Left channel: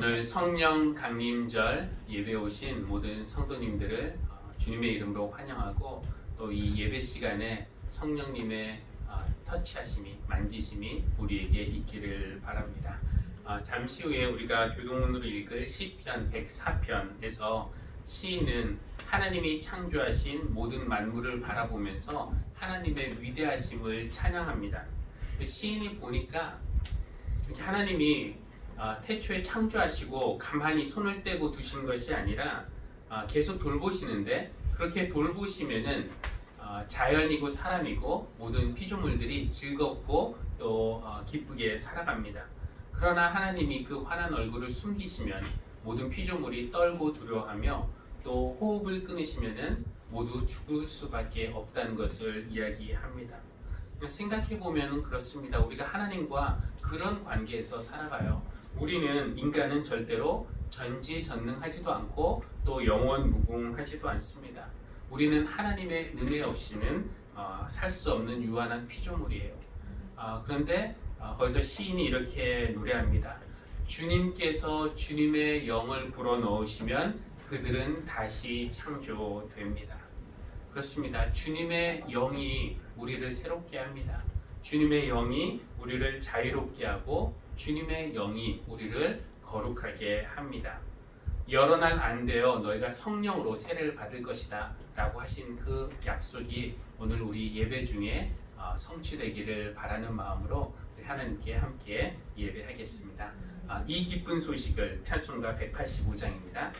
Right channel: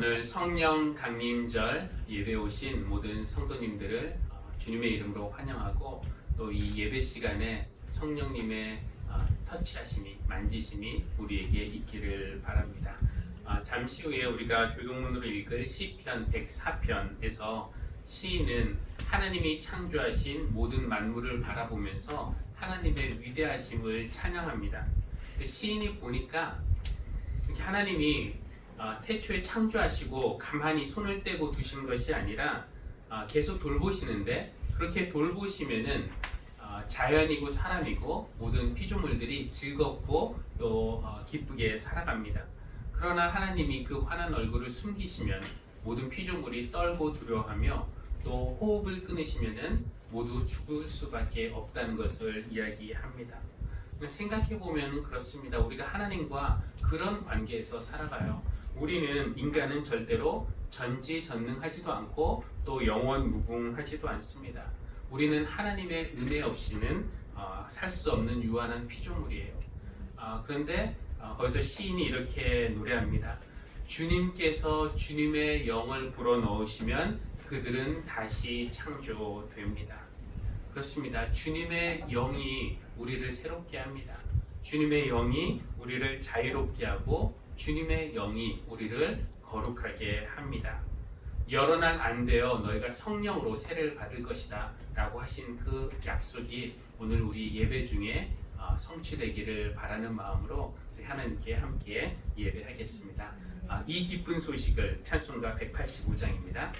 오늘 성령 강림절 예배 오신 모든 성도님들을 주님의 이름으로 환영하고 또 이 예배 시간에 성령님의 터치하심이 만지심이 우리에게 있기를 바랍니다. 잠시 후에 우리가 교동문으로 읽을 시편 104편에서 시인은 하나님이 창조하신 모든 만물을 바라보면서 하나님의 위대하심을 찬양합니다. 시인이 보니까 하나님이 태초에 창조하시고 가만히 손을 떼고 두신 것이 아니라 계속 돌보시는데, 그렇게 돌보시면은 자연이고 사람이고 모든 피조물들이 즐겁고 또 기쁘게 살아갑니다. 그러나 하나님이 그 환한 얼굴을 숨기시면 모든 피조물이 떨고 두려워하며 또 호흡을 끊으시면은 모두 죽을 수밖에 없다는 것을 이야기합니다. 생각해 보면 그렇습니다. 우리가 하나님과 그런 관계에서 살아가요. 우리는 인간은 절대로 전지전능하지도 않고 또 영원무궁하지도 않습니다. 우리는 하나님의 은혜 없이는 살 수 없는 유한한 피조물이에요. 그런데 거기서 시인이 이렇게 노래합니다. 주님께서 주님의 영을 불어넣으시면 그들은 다시 창조됩니다. 그렇습니다. 주님의 영이 우리를 새롭게 합니다. 주님의 영이 우리를 자유롭게 하고 주님의 영이 우리를 거룩하게 합니다. 여러 날 안 되어 너희가 성령으로 세례를 받을 것이다 라고 하신 그 약속이 오늘 우리 예배 중에 성취되기를 바라는 마음으로 우리 하나님께 함께 예배하겠습니다. 이 기쁜 소식을 찬송가 185장입니다.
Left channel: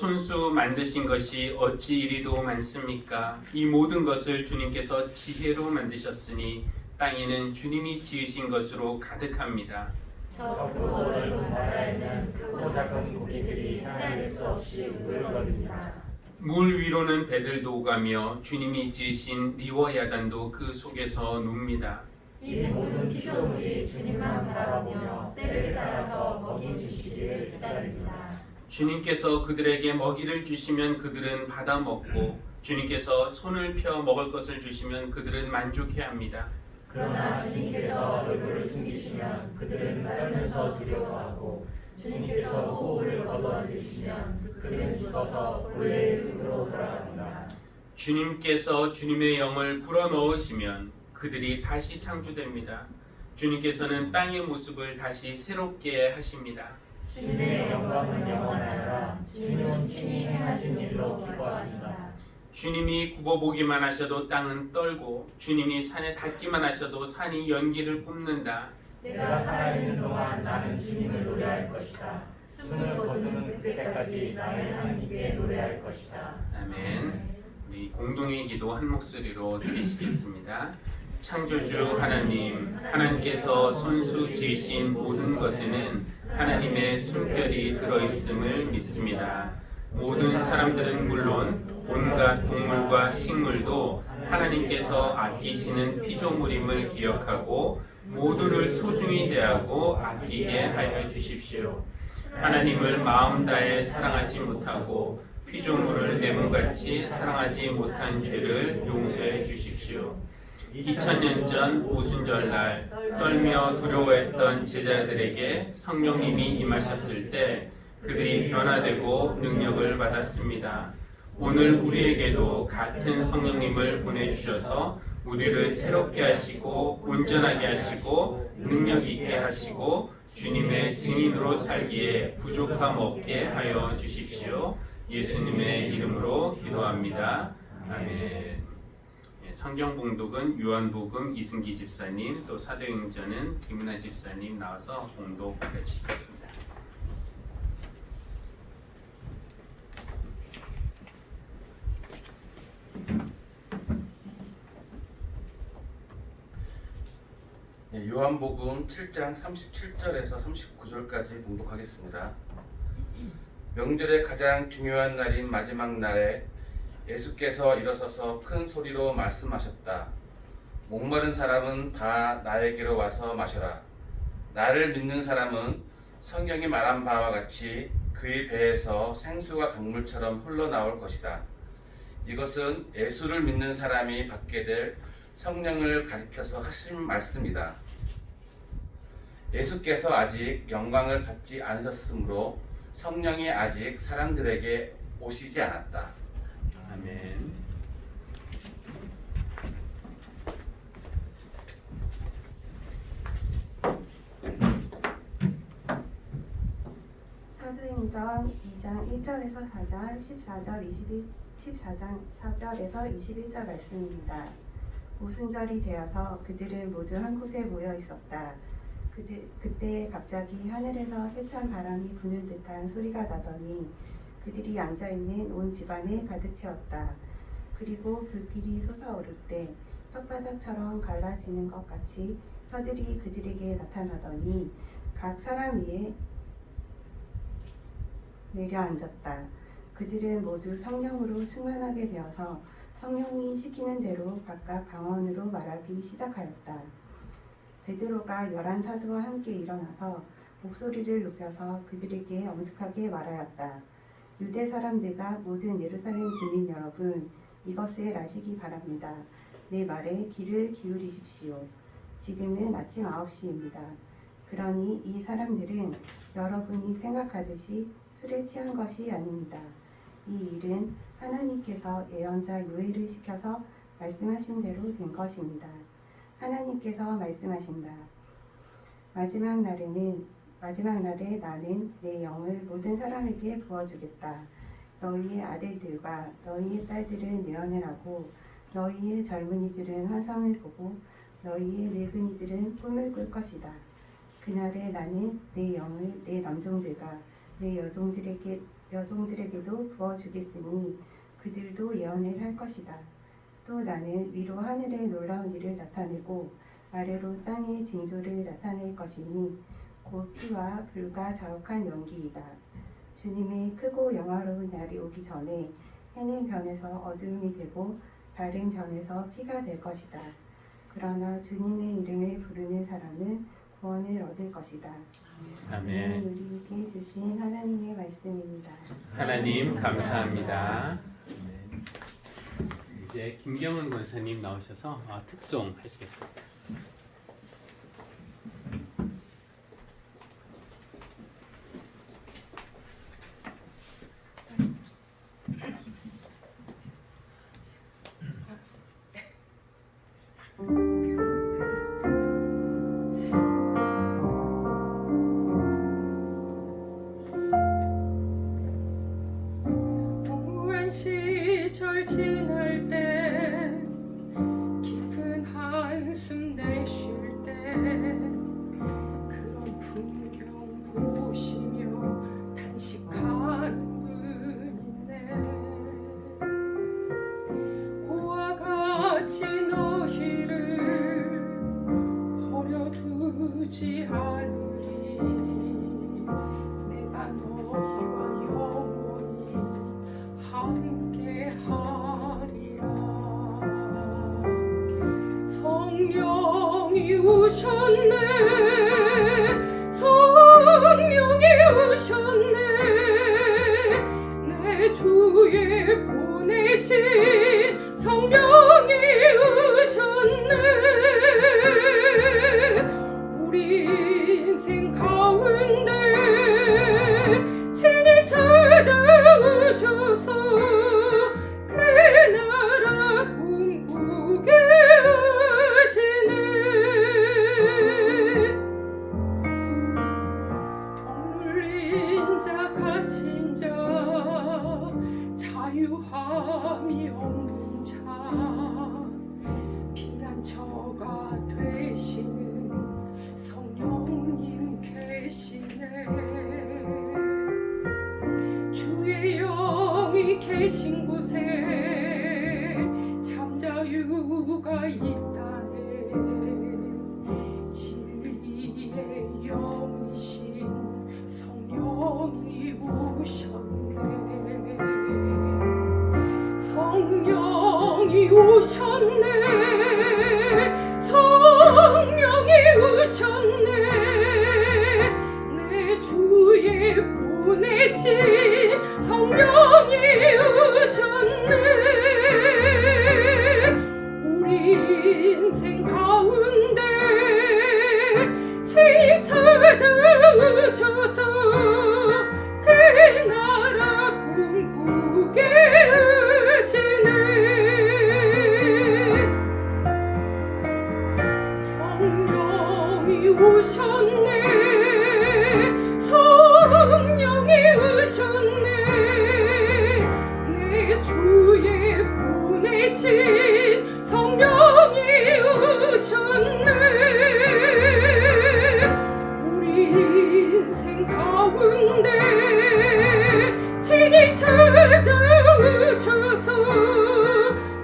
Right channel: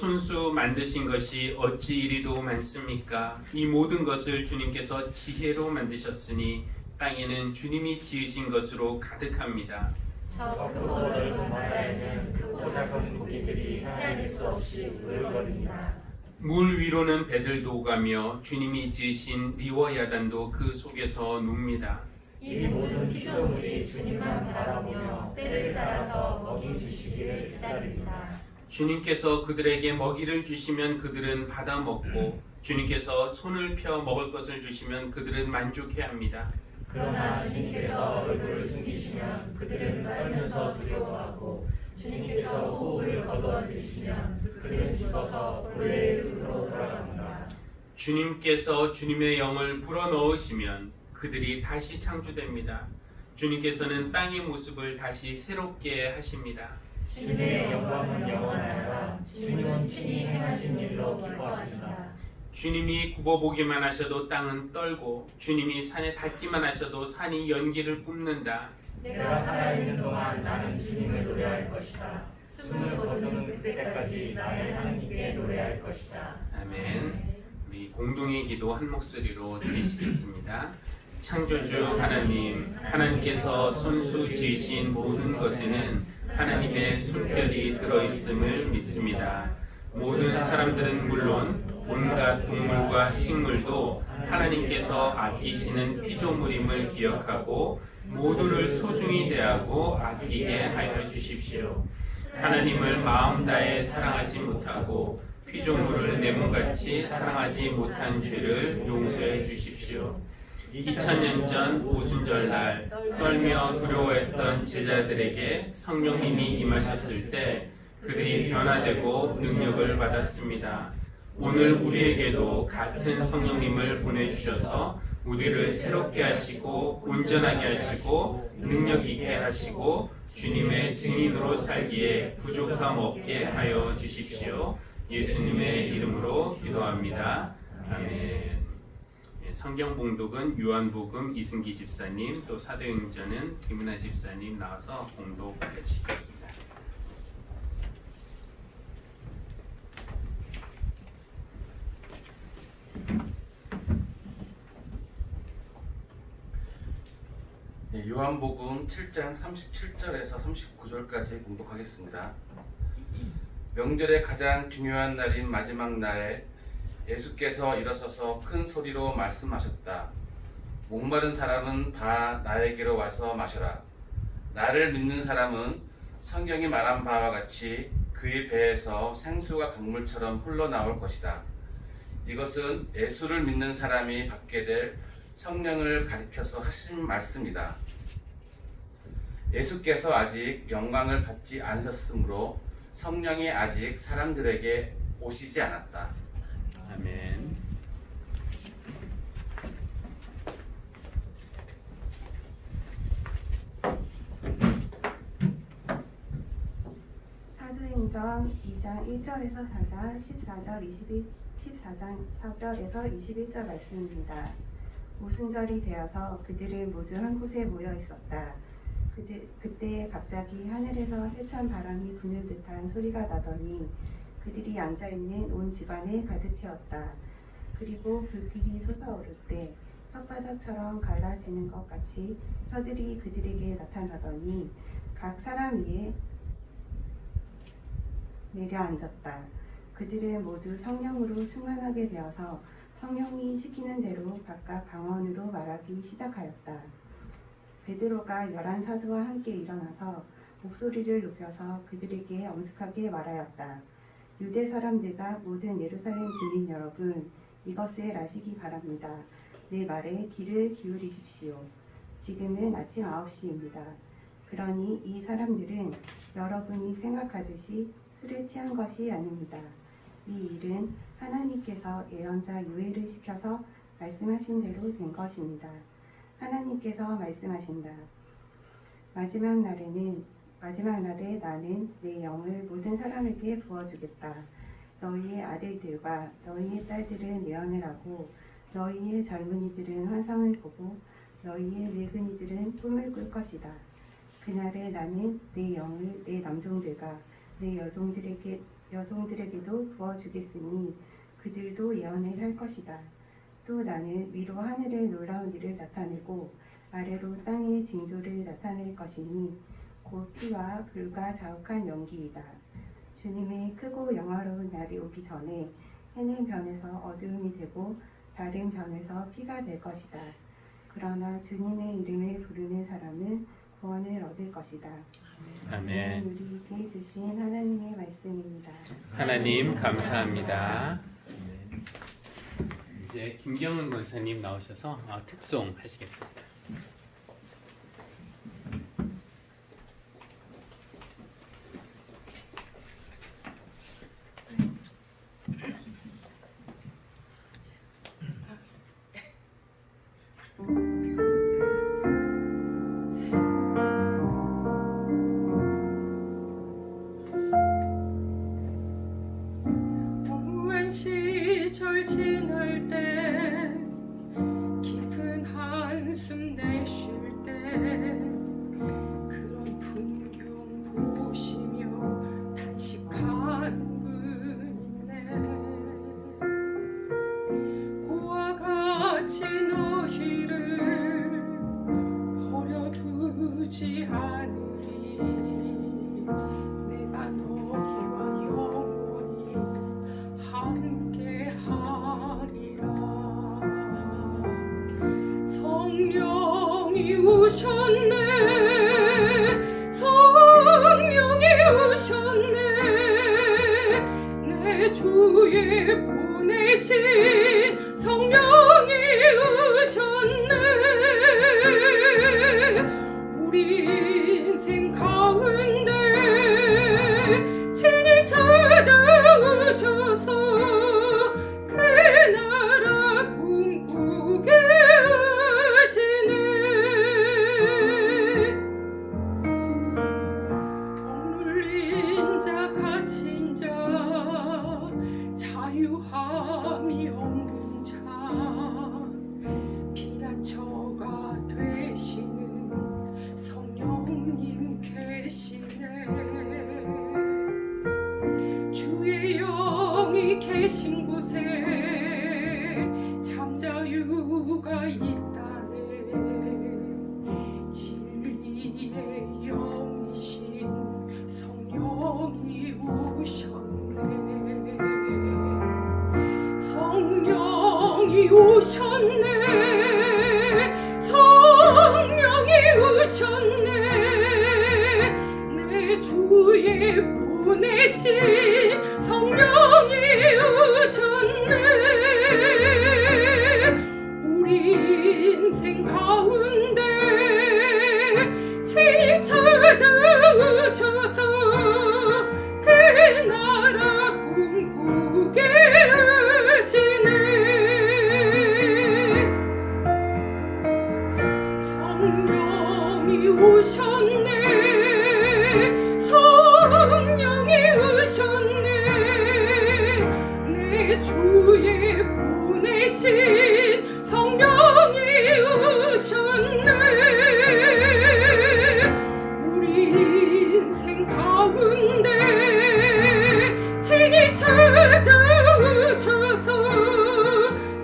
손수 만드신 것이 어찌 이리도 많습니까? 이 모든 것을 주님께서 지혜로 만드셨으니 땅에는 주님이 지으신 것으로 가득합니다. 저 크고 넓은 나라에는 크고 작은 고기들이 헤아릴 수 없이 우글거립니다. 물 위로는 배들도 오가며 주님이 지으신 리워 야단도 그 속에서 눕니다. 이 모든 피조물이 주님만 바라보며 때를 따라서 먹이 주시기를 기다립니다. 주님께서 그들에게 먹이를 주시면 그들은 받아 먹고 주님께서 손을 펴 먹을 것을 주시면 그들은 만족해합니다. 그러나 주님께서 얼굴을 숨기시면 그들은 떨면서 두려워하고 주님께서 호흡을 거두어들이시면 그들은 죽어서 본래의 흙으로 돌아갑니다. 주님께서 주님의 영을 불어넣으시면 그들이 다시 창조됩니다. 주님께서는 땅의 모습을 다시 새롭게 하십니다. 주님의 영광은 영원하라. 주님은 친히 행하신 일로 기뻐하신다. 주님이 굽어보기만 하셔도 땅은 떨고 주님이 산에 닿기만 하셔도 산이 연기를 뿜는다. 내가 살아있는 동안 나는 주님을 노래할 것이다. 숨을 거두는 그때까지 나의 하나님께 노래할 것이다. 아멘. 우리 공동의 기도 한 목소리로 드리시겠습니다. 창조주 하나님, 하나님께서 손수 지으신 모든 것에는 하나님의 숨결이 들어있음을 믿습니다. 모든 사람들은 물론 온갖 동물과 식물도 하나님께서 아끼시는 피조물임을 기억하고 모두를 소중히 대하고 아끼게 하여 주십시오. 하나님을 마음 다해 사랑하지 못하고 피조물을 내 몸같이 사랑하지 못한 죄를 용서해 주십시오. 2000년 전 오순절날 떨며 두려워했던 제자들에게 성령님이 임하셨을 때 그들이 변화되고 능력을 받았습니다. 오늘 우리에게도 같은 성령님을 보내주셔서 우리를 새롭게 하시고 온전하게 하시고 능력 있게 하시고 주님의 증인으로 살기에 부족함 없게 하여 주십시오. 예수님의 이름으로 기도합니다. 아멘. 성경 봉독은 요한복음 이승기 집사님, 또 사도행전은 김은아 집사님 나와서 봉독해 주시겠습니다. 요한복음 7장 37절에서 39절까지 봉독하겠습니다. 명절의 가장 중요한 날인 마지막 날에 예수께서 일어서서 큰 소리로 말씀하셨다. 목마른 사람은 다 나에게로 와서 마셔라. 나를 믿는 사람은 성경이 말한 바와 같이 그의 배에서 생수가 강물처럼 흘러나올 것이다. 이것은 예수를 믿는 사람이 받게 될 성령을 가리켜서 하신 말씀이다. 예수께서 아직 영광을 받지 않으셨으므로 성령이 아직 사람들에게 오시지 않았다. 아멘. 사도행전 2장 1절에서 4절, 14장 4절에서 21절 말씀입니다. 오순절이 되어서 그들은 모두 한 곳에 모여 있었다. 그때 갑자기 하늘에서 세찬 바람이 부는 듯한 소리가 나더니 그들이 앉아있는 온 집안에 가득 채웠다. 그리고 불길이 솟아오를 때 혓바닥처럼 갈라지는 것 같이 혀들이 그들에게 나타나더니 각 사람 위에 내려앉았다. 그들은 모두 성령으로 충만하게 되어서 성령이 시키는 대로 각각 방언으로 말하기 시작하였다. 베드로가 11사도와 함께 일어나서 목소리를 높여서 그들에게 엄숙하게 말하였다. 유대 사람들과 모든 예루살렘 주민 여러분, 이것을 아시기 바랍니다. 내 말에 귀를 기울이십시오. 지금은 아침 9시입니다. 그러니 이 사람들은 여러분이 생각하듯이 술에 취한 것이 아닙니다. 이 일은 하나님께서 예언자 요엘을 시켜서 말씀하신 대로 된 것입니다. 하나님께서 말씀하신다. 마지막 날에 나는 내 영을 모든 사람에게 부어주겠다. 너희의 아들들과 너희의 딸들은 예언을 하고 너희의 젊은이들은 환상을 보고 너희의 늙은이들은 꿈을 꿀 것이다. 그날에 나는 내 영을 내 남종들과 내 여종들에게 여종들에게도 부어주겠으니 그들도 예언을 할 것이다. 또 나는 위로 하늘의 놀라운 일을 나타내고 아래로 땅의 징조를 나타낼 것이니 곧 피와 불과 자욱한 연기이다. 주님의 크고 영화로운 날이 오기 전에 해는 변에서 어두움이 되고 달은 변에서 피가 될 것이다. 그러나 주님의 이름을 부르는 사람은 구원을 얻을 것이다. 아멘. 우리에게 주신 하나님의 말씀입니다. 하나님 감사합니다. 이제 김경은 권사님 나오셔서 특송 하시겠습니다. 오랜 시절 지날 때 깊은 한숨 내쉴 때 그런 풍경 보시며 단식하는 분 있네. 고와 같이 너희를 버려두지 않으리. 내가 너희와 영원히 함께하리라. 성령이 오셨네. 성령이 오셨네. 내 주에 보내신 성령이 오셨네. 우리 인생 가운데 친히 찾아오셔서 그 나라 꿈꾸게 하시네. 억눌린 자 갇힌 자 자유함이 없는 자 피난처가 되시는 성령님 계시네. 주의 영이 계신 곳에 잠자유가 있다네. 진리의 영이신 성령이 오셨네. 성령이 오셨네. 성령이 오셨네. 내 주에 보내신 성령이 오셨네. 우리 인생 가운데 친히 찾아오셔서 그 나라 꿈꾸게 하시네. 성령이 오셨네. 성령이 오셨네. 내 주에 보내신 성령이 오셨네. 우리 인생 가운데 친히 찾아오셔서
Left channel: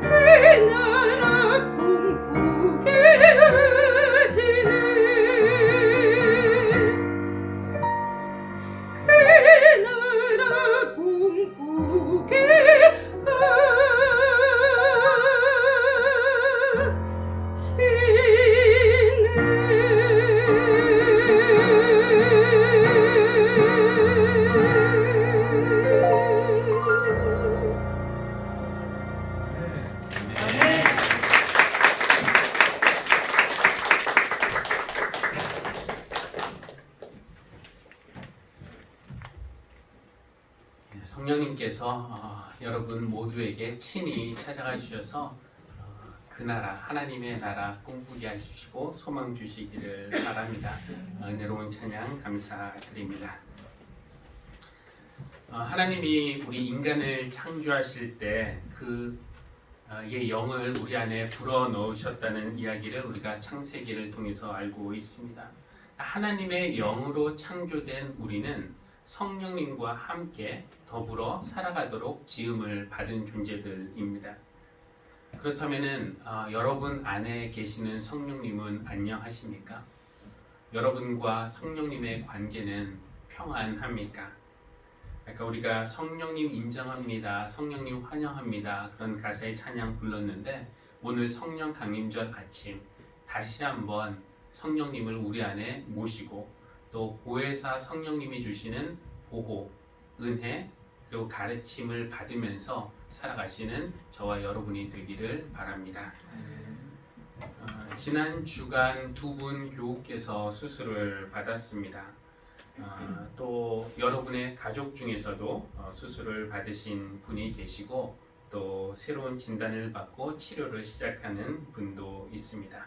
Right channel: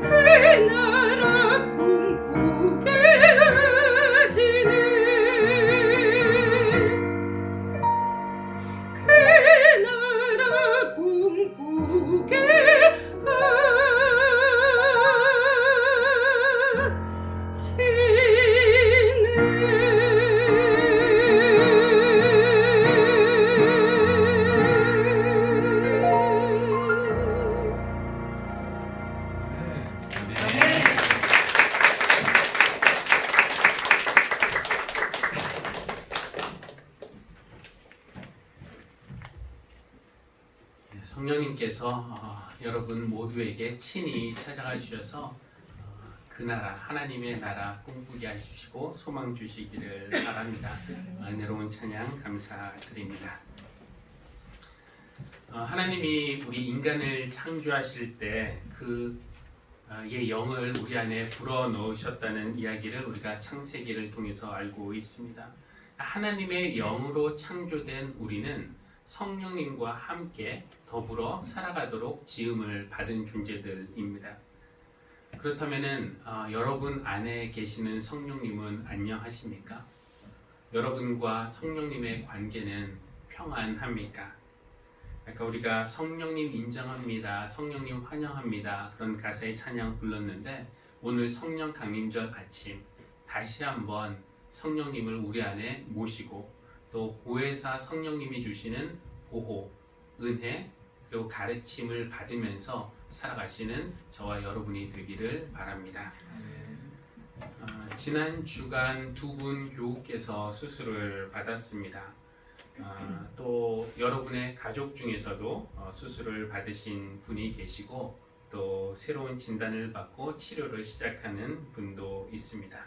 그 나라 꿈꾸게 하시네. 그 나라 꿈꾸게 성령님께서 여러분 모두에게 친히 찾아가 주셔서 그 나라 하나님의 나라 꿈꾸게 해주시고 소망 주시기를 바랍니다. 은혜로운 찬양 감사드립니다. 하나님이 우리 인간을 창조하실 때 그의 영을 우리 안에 불어 넣으셨다는 이야기를 우리가 창세기를 통해서 알고 있습니다. 하나님의 영으로 창조된 우리는 성령님과 함께 더불어 살아가도록 지음을 받은 존재들입니다. 그렇다면은 여러분 안에 계시는 성령님은 안녕하십니까? 여러분과 성령님의 관계는 평안합니까? 아까 우리가 성령님 인정합니다, 성령님 환영합니다 그런 가사의 찬양 불렀는데 오늘 성령 강림절 아침 다시 한번 성령님을 우리 안에 모시고 또 보혜사 성령님이 주시는 보호, 은혜 그리고 가르침을 받으면서 살아가시는 저와 여러분이 되기를 바랍니다. 지난 주간 두 분 교우께서 수술을 받았습니다. 또 여러분의 가족 중에서도 수술을 받으신 분이 계시고 또 새로운 진단을 받고 치료를 시작하는 분도 있습니다.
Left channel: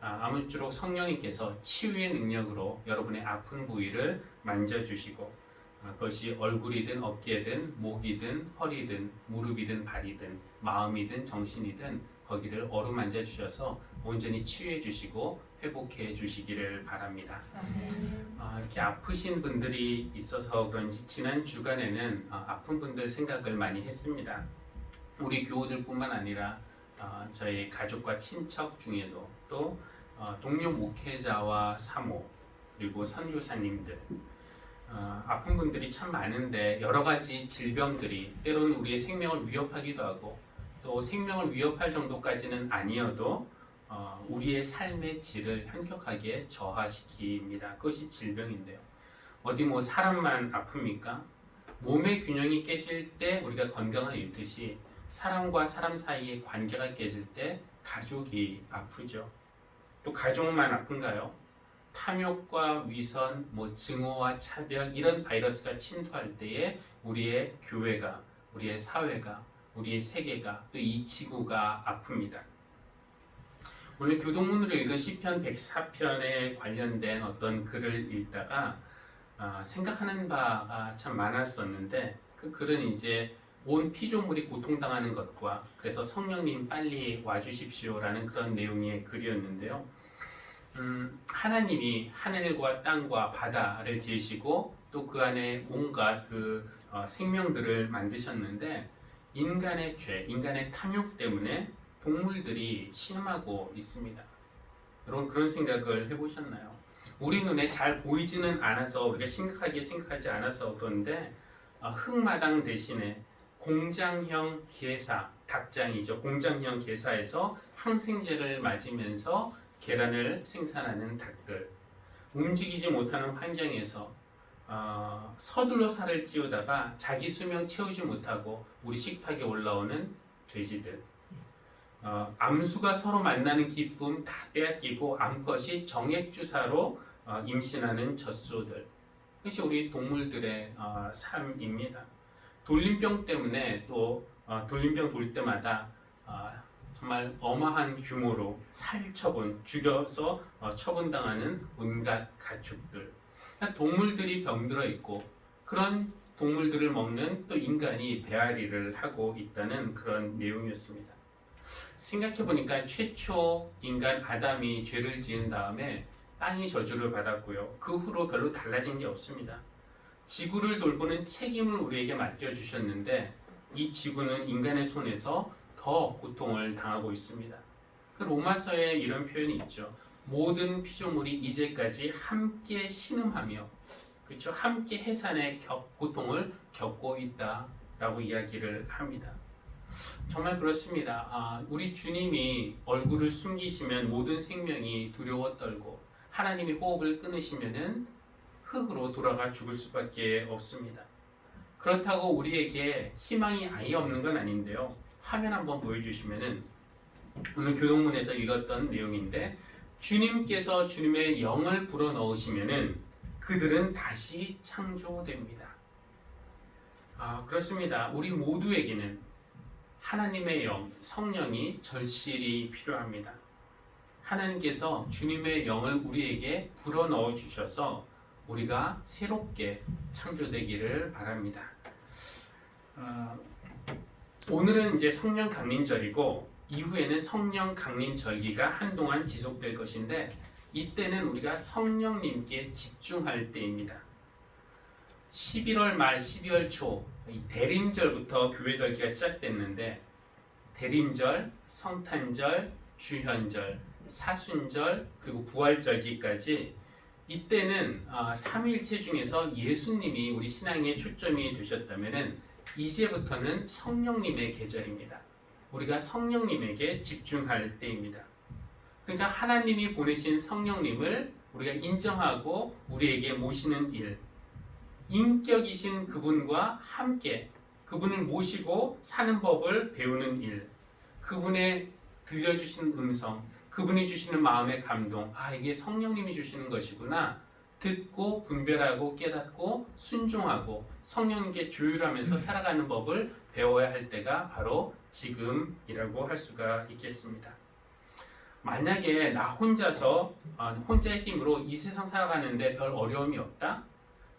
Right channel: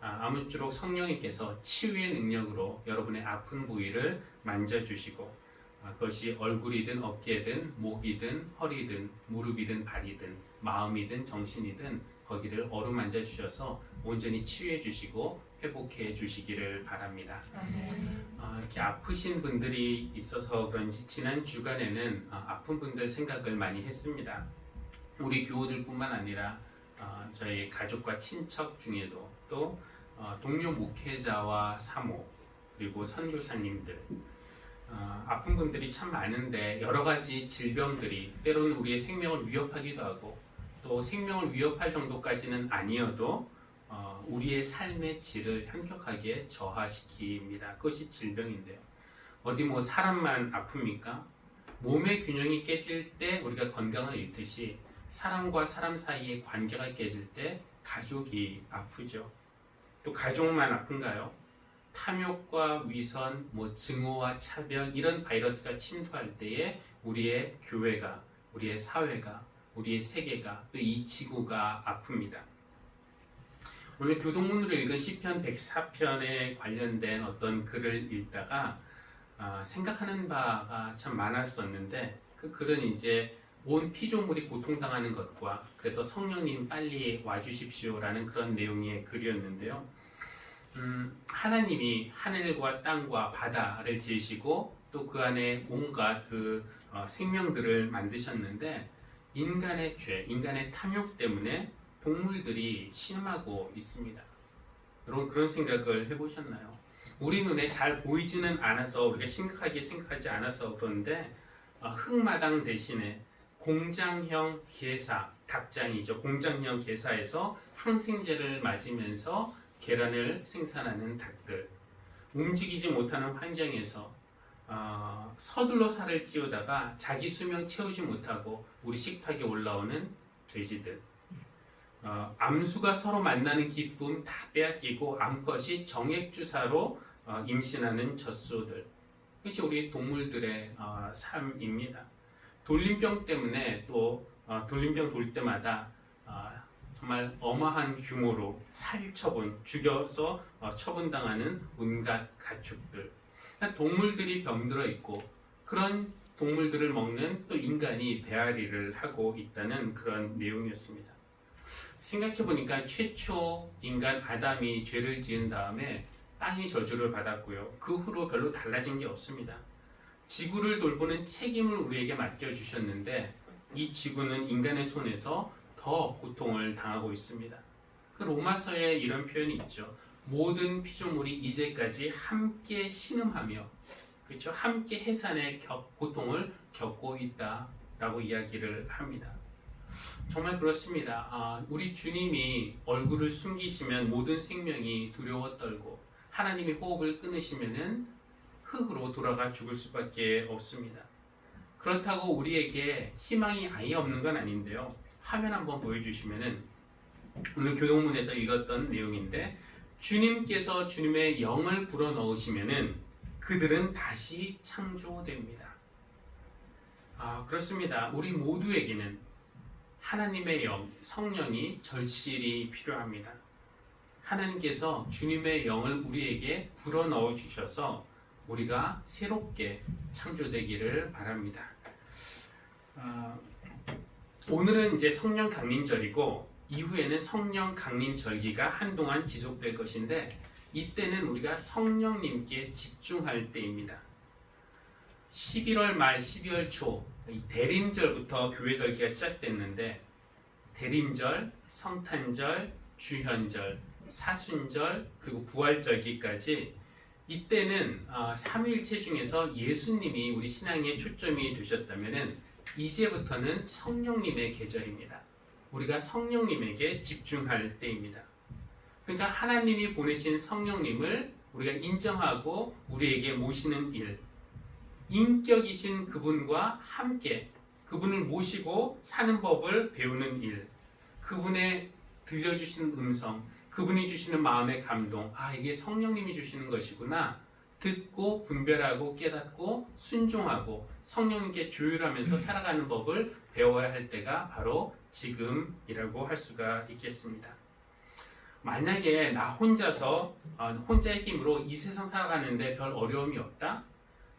아무쪼록 성령님께서 치유의 능력으로 여러분의 아픈 부위를 만져주시고 그것이 얼굴이든 어깨든 목이든 허리든 무릎이든 발이든 마음이든 정신이든 거기를 어루만져 주셔서 온전히 치유해 주시고 회복해 주시기를 바랍니다. 이렇게 아프신 분들이 있어서 그런지 지난 주간에는 아픈 분들 생각을 많이 했습니다. 우리 교우들뿐만 아니라 저희 가족과 친척 중에도 또 동료 목회자와 사모 그리고 선교사님들 아픈 분들이 참 많은데 여러 가지 질병들이 때로는 우리의 생명을 위협하기도 하고 또 생명을 위협할 정도까지는 아니어도 우리의 삶의 질을 현격하게 저하시킵니다. 그것이 질병인데요. 어디 뭐 사람만 아픕니까? 몸의 균형이 깨질 때 우리가 건강을 잃듯이 사람과 사람 사이의 관계가 깨질 때 가족이 아프죠. 또 가족만 아픈가요? 탐욕과 위선, 증오와 차별 이런 바이러스가 침투할 때에 우리의 교회가, 우리의 사회가, 우리의 세계가 또 이 지구가 아픕니다. 오늘 교동문으로 읽은 시편 104편에 관련된 어떤 글을 읽다가 생각하는 바가 참 많았었는데 그 글은 이제 온 피조물이 고통당하는 것과 그래서 성령님 빨리 와주십시오라는 그런 내용의 글이었는데요. 하나님이 하늘과 땅과 바다를 지으시고 또 그 안에 온갖 생명들을 만드셨는데 인간의 죄, 인간의 탐욕 때문에 동물들이 신음하고 있습니다. 여러분 그런 생각을 해보셨나요? 우리 눈에 잘 보이지는 않아서 우리가 심각하게 생각하지 않아서 그런데 흙마당 대신에 공장형 게사, 닭장이죠. 공장형 게사에서 항생제를 맞으면서 계란을 생산하는 닭들, 움직이지 못하는 환경에서 서둘러 살을 찌우다가 자기 수명 채우지 못하고 우리 식탁에 올라오는 돼지들, 암수가 서로 만나는 기쁨 다 빼앗기고 암컷이 정액주사로 임신하는 젖소들, 그것이 우리 동물들의 삶입니다. 돌림병 때문에 또 돌림병 돌 때마다 정말 어마한 규모로 살처분, 죽여서 처분당하는 온갖 가축들, 동물들이 병들어 있고 그런 동물들을 먹는 또 인간이 배앓이를 하고 있다는 그런 내용이었습니다. 생각해보니까 최초 인간 아담이 죄를 지은 다음에 땅이 저주를 받았고요. 그 후로 별로 달라진 게 없습니다. 지구를 돌보는 책임을 우리에게 맡겨주셨는데 이 지구는 인간의 손에서 더 고통을 당하고 있습니다. 그 로마서에 이런 표현이 있죠. 모든 피조물이 이제까지 함께 신음하며, 그렇죠? 함께 해산의 고통을 겪고 있다라고 이야기를 합니다. 정말 그렇습니다. 우리 주님이 얼굴을 숨기시면 모든 생명이 두려워 떨고 하나님이 호흡을 끊으시면은 흙으로 돌아가 죽을 수밖에 없습니다. 그렇다고 우리에게 희망이 아예 없는 건 아닌데요. 화면 한번 보여주시면은 오늘 교동문에서 읽었던 내용인데 주님께서 주님의 영을 불어넣으시면은 그들은 다시 창조됩니다. 그렇습니다. 우리 모두에게는 하나님의 영, 성령이 절실히 필요합니다. 하나님께서 주님의 영을 우리에게 불어넣어 주셔서 우리가 새롭게 창조되기를 바랍니다. 오늘은 이제 성령 강림절이고 이후에는 성령 강림 절기가 한동안 지속될 것인데 이때는 우리가 성령님께 집중할 때입니다. 11월 말 12월 초 이 대림절부터 교회 절기가 시작됐는데 대림절, 성탄절, 주현절, 사순절 그리고 부활절기까지 이때는 삼위일체 중에서 예수님이 우리 신앙의 초점이 되셨다면은 이제부터는 성령님의 계절입니다. 우리가 성령님에게 집중할 때입니다. 그러니까 하나님이 보내신 성령님을 우리가 인정하고 우리에게 모시는 일, 인격이신 그분과 함께 그분을 모시고 사는 법을 배우는 일, 그분의 들려주시는 음성, 그분이 주시는 마음의 감동, 이게 성령님이 주시는 것이구나 듣고 분별하고 깨닫고 순종하고 성령님께 조율하면서 살아가는 법을 배워야 할 때가 바로 지금이라고 할 수가 있겠습니다. 만약에 나 혼자서 혼자의 힘으로 이 세상 살아가는데 별 어려움이 없다?